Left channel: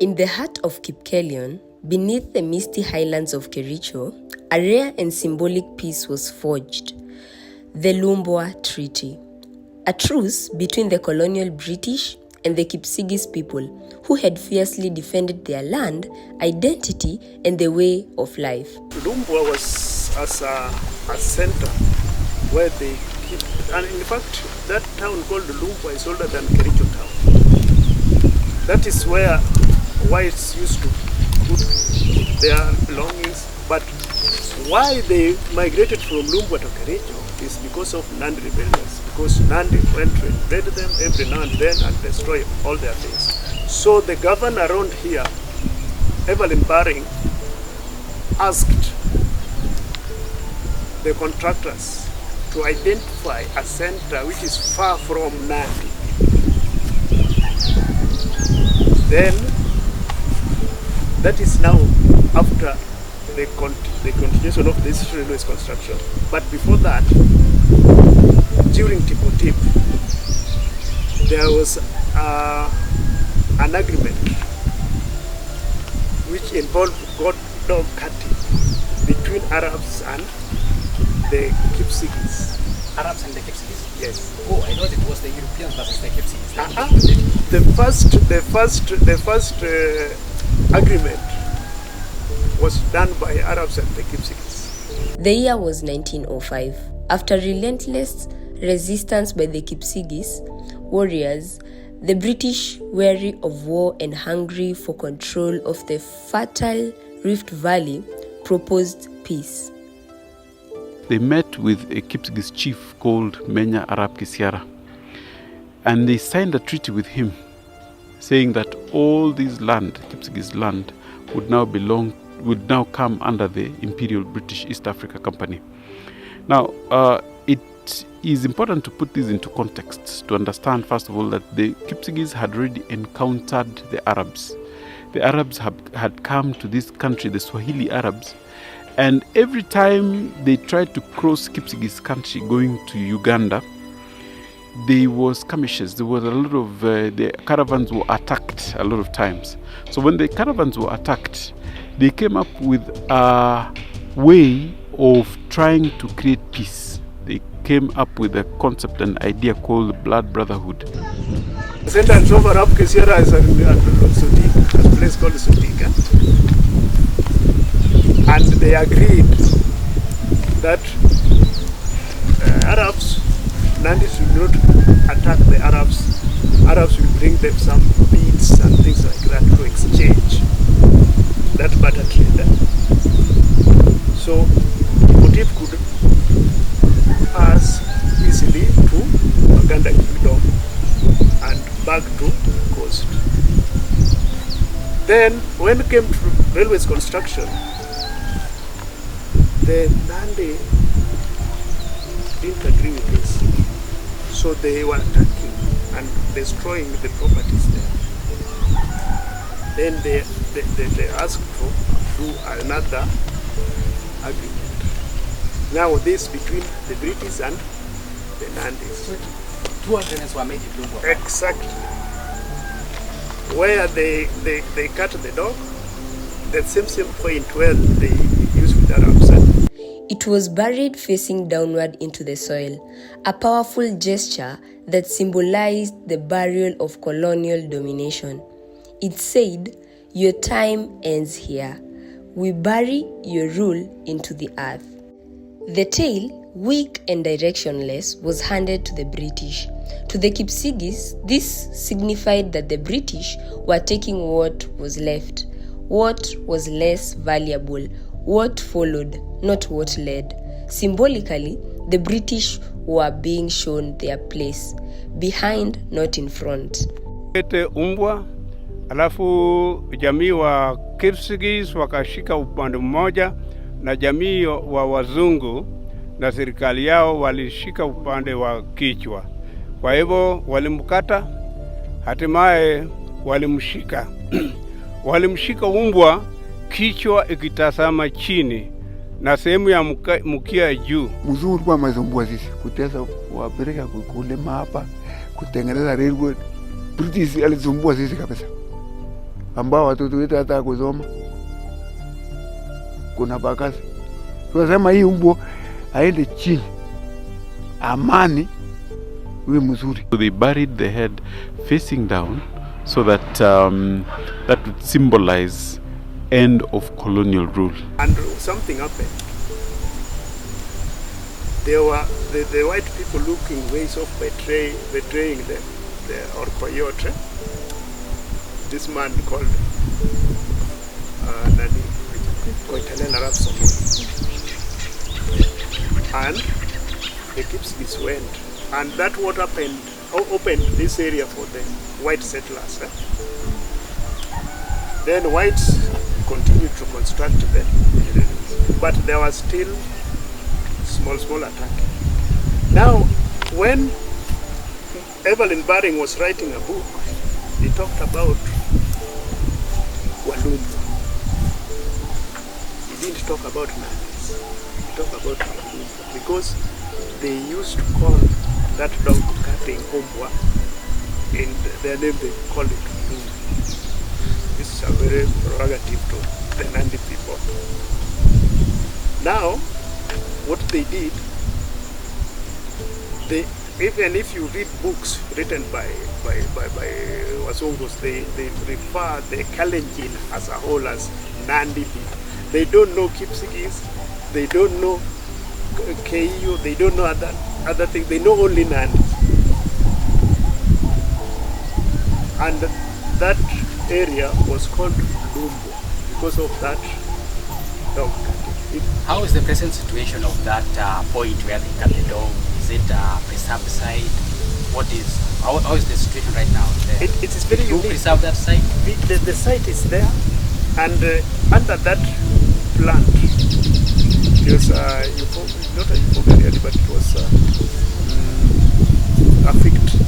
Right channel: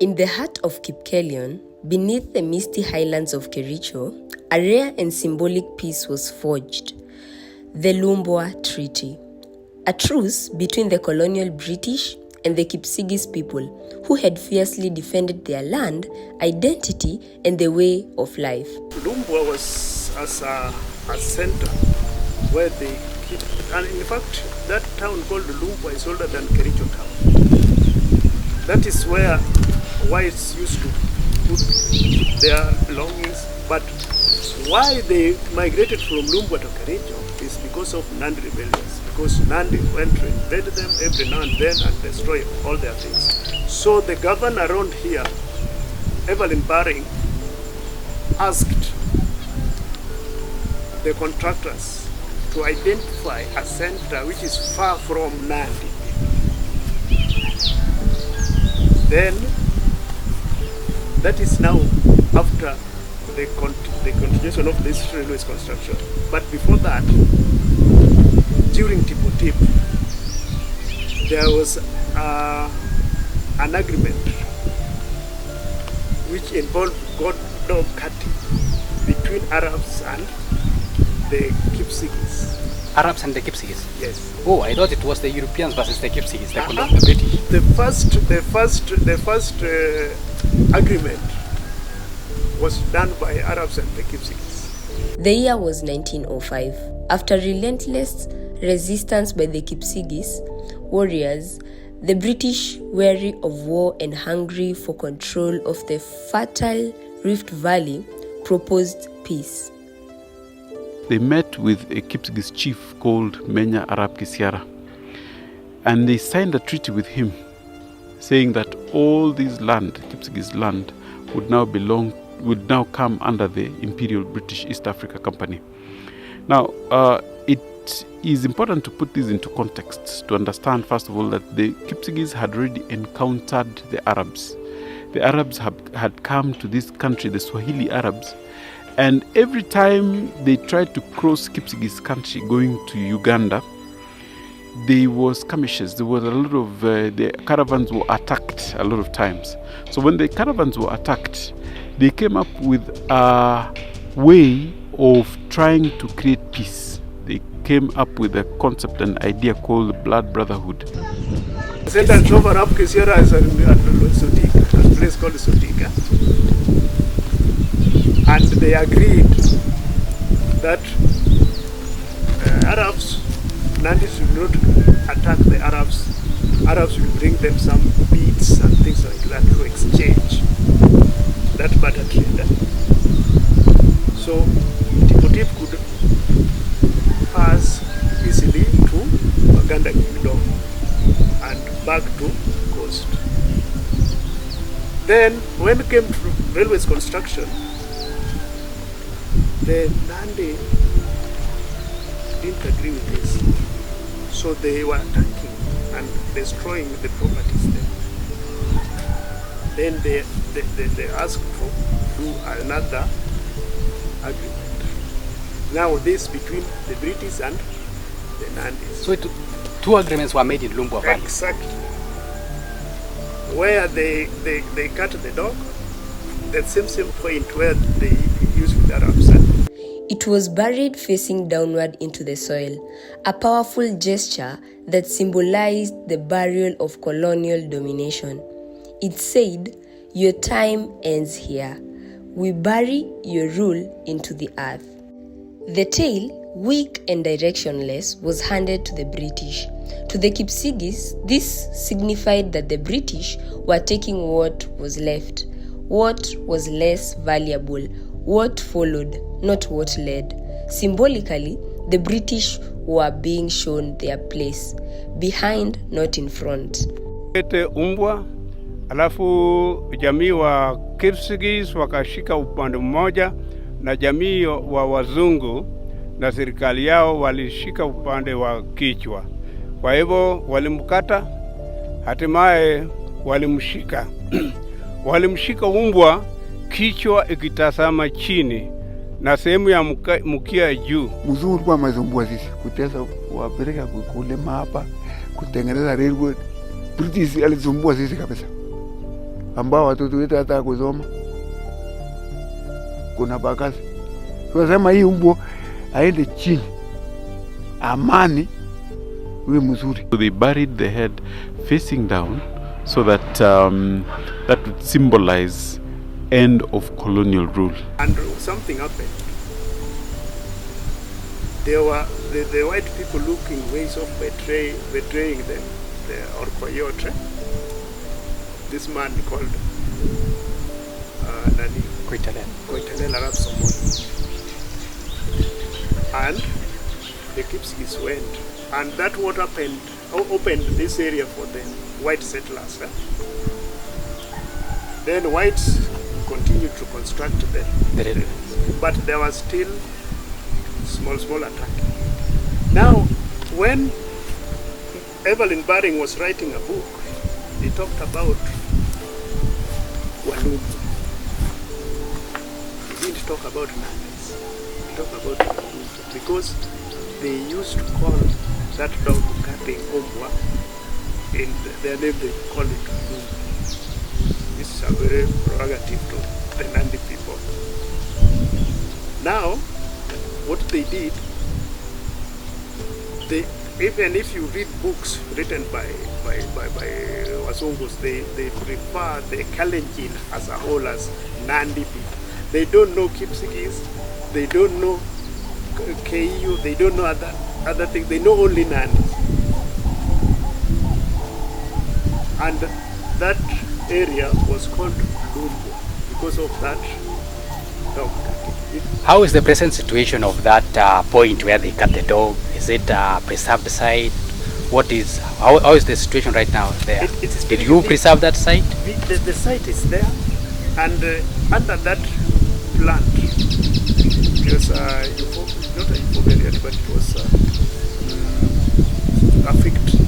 In the heart of Kipkelion, beneath the misty highlands of Kericho, a rare and symbolic peace was forged, the LUMBWA Treaty, a truce between the colonial British and the Kipsigis people who had fiercely defended their land, identity, and the way of life. LUMBWA was as a center where they keep, and in fact, that town called LUMBWA is older than Kericho town. That is where whites used to put their belongings, but why they migrated from LUMBWA to Kericho is because of Nandi rebellions, because Nandi went to invade them every now and then and destroy all their things. So the governor around here, Evelyn Baring, asked the contractors to identify a center which is far from Nandi. Then, that is now after the continuation of this railways construction. But before that, during Tipotip, there was an agreement which involved dog cutting between Arabs and the Kipsigis. Arabs and the Kipsigis? Yes. Oh, I thought it was the Europeans versus the Kipsigis. The first agreement was done by Arabs and the Kipsigis. The year was 1905. After relentless resistance by the Kipsigis warriors, the British, weary of war and hungry for control of the fertile Rift Valley, proposed peace. They met with a Kipsigis chief called Menya Arab Kisiara, and they signed a treaty with him saying that all this land, Kipsigis land, would now come under the Imperial British East Africa Company. Now, it is important to put this into context to understand, first of all, that the Kipsigis had already encountered the Arabs. The Arabs had come to this country, the Swahili Arabs, and every time they tried to cross Kipsigis country going to Uganda, there was skirmishes. There was a lot of, the caravans were attacked a lot of times. So when the caravans were attacked, they came up with a way of trying to create peace. They came up with a concept, an idea called blood brotherhood. The sentence of Arab Kisiara is at a place called Sotika. And they agreed that Arabs, Nandi should not attack the Arabs. Arabs will bring them some beads and things like that to exchange that barter trade. So Tipotip could pass easily to Uganda Kingdom and back to coast. Then when it came to railways construction, the Nandi didn't agree with this, so they were attacking and destroying the properties there. Then they asked to do another agreement. Now this between the British and the Nandis. So two agreements were made in LUMBWA. Exactly. Where they cut the dog, the same point where they used with Arabs. It was buried facing downward into the soil, a powerful gesture that symbolized the burial of colonial domination. It said, "Your time ends here. We bury your rule into the earth." The tale, weak and directionless, was handed to the British. To the Kipsigis, this signified that the British were taking what was left, what was less valuable, what followed, not what led. Symbolically, the British were being shown their place, behind, not in front. Umbwa, alafu jamii wa Kipsigis wakashika upande mmoja na jamii wa wazungu na serikali yao walishika upande wa kichwa. Kwa hivyo walimkata, hatimaye walimshika. Walimshika umbwa kichwa ikitazama chini na sehemu ya mkia juu. Mzungu kwa mazumbua sisi kutesa wapeleka kulima hapa kutengeneza railway. British alizumbua sisi kabisa. ambao watoto wetu hata kusoma. Kuna bakasi. Tunasema hii umbwa aende chini. Amani iwe mzuri. So they buried the head facing down so that that would symbolize end of colonial rule. And something happened. There were the white people looking ways of betraying them, or coyote. This man called Koitalel Arab Somoni. And the Kipsigis went. And that what happened, opened this area for the white settlers. Then whites continued to construct them. But there was still small attack. Now, when Evelyn Baring was writing a book, he talked about Walumbu. He didn't talk about Nandis. He talked about Walumbu because they used to call that dog cutting Umbwa. In their name they call it Lumbu. This is a very prerogative to the Nandi people. Now, what they did, even if you read books written by Wasongos, they refer the Kalenjin as a whole as Nandi people. They don't know Kipsigis, they don't know KU, they don't know other things, they know only Nandi. And that area was called Lumbo because of that dog cutting. How is the present situation of that point where they cut the dog? Is it a preserved site? How is the situation right now there? It is very Did you unique. preserve that site? The site is there, and under that plant, it was not a euphorbium, but it was a fig tree.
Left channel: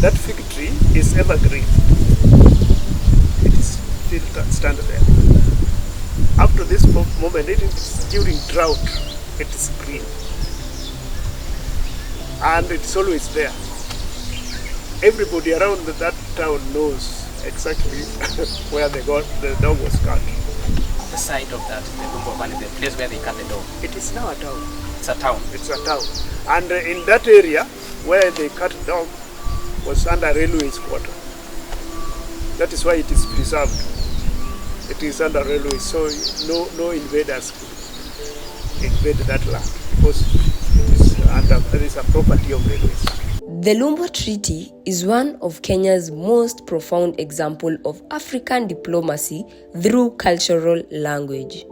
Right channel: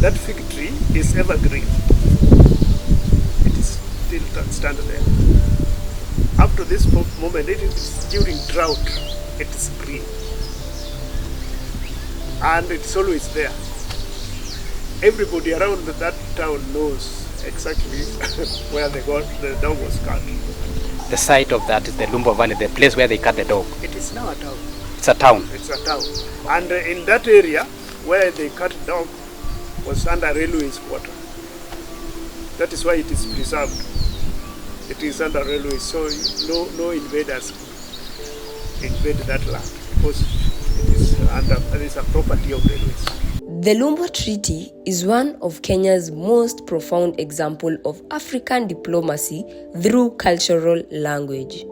That fig tree is evergreen. It is still stand there. Up to this moment, it is during drought, it is green. And it's always there. Everybody around that town knows exactly where the dog was cut. The site of that is the LUMBWA Valley, the place where they cut the dog. It is now a town. It's a town. It's a town. And in that area where they cut dog was under railway's quarter. That is why it is preserved. It is under railway, so no invaders could invade that land because it is a property of railways. The LUMBWA Treaty is one of Kenya's most profound example of African diplomacy through cultural language.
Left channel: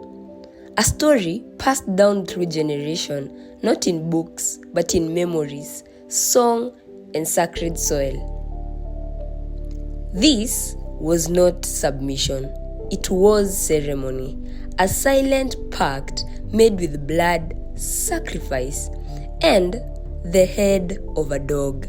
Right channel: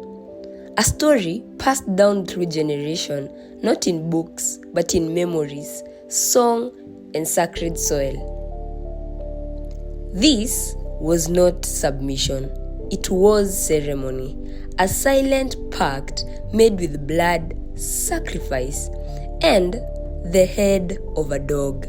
A story passed down through generation, not in books, but in memories, song, and sacred soil. This was not submission. It was ceremony, a silent pact made with blood, sacrifice, and the head of a dog.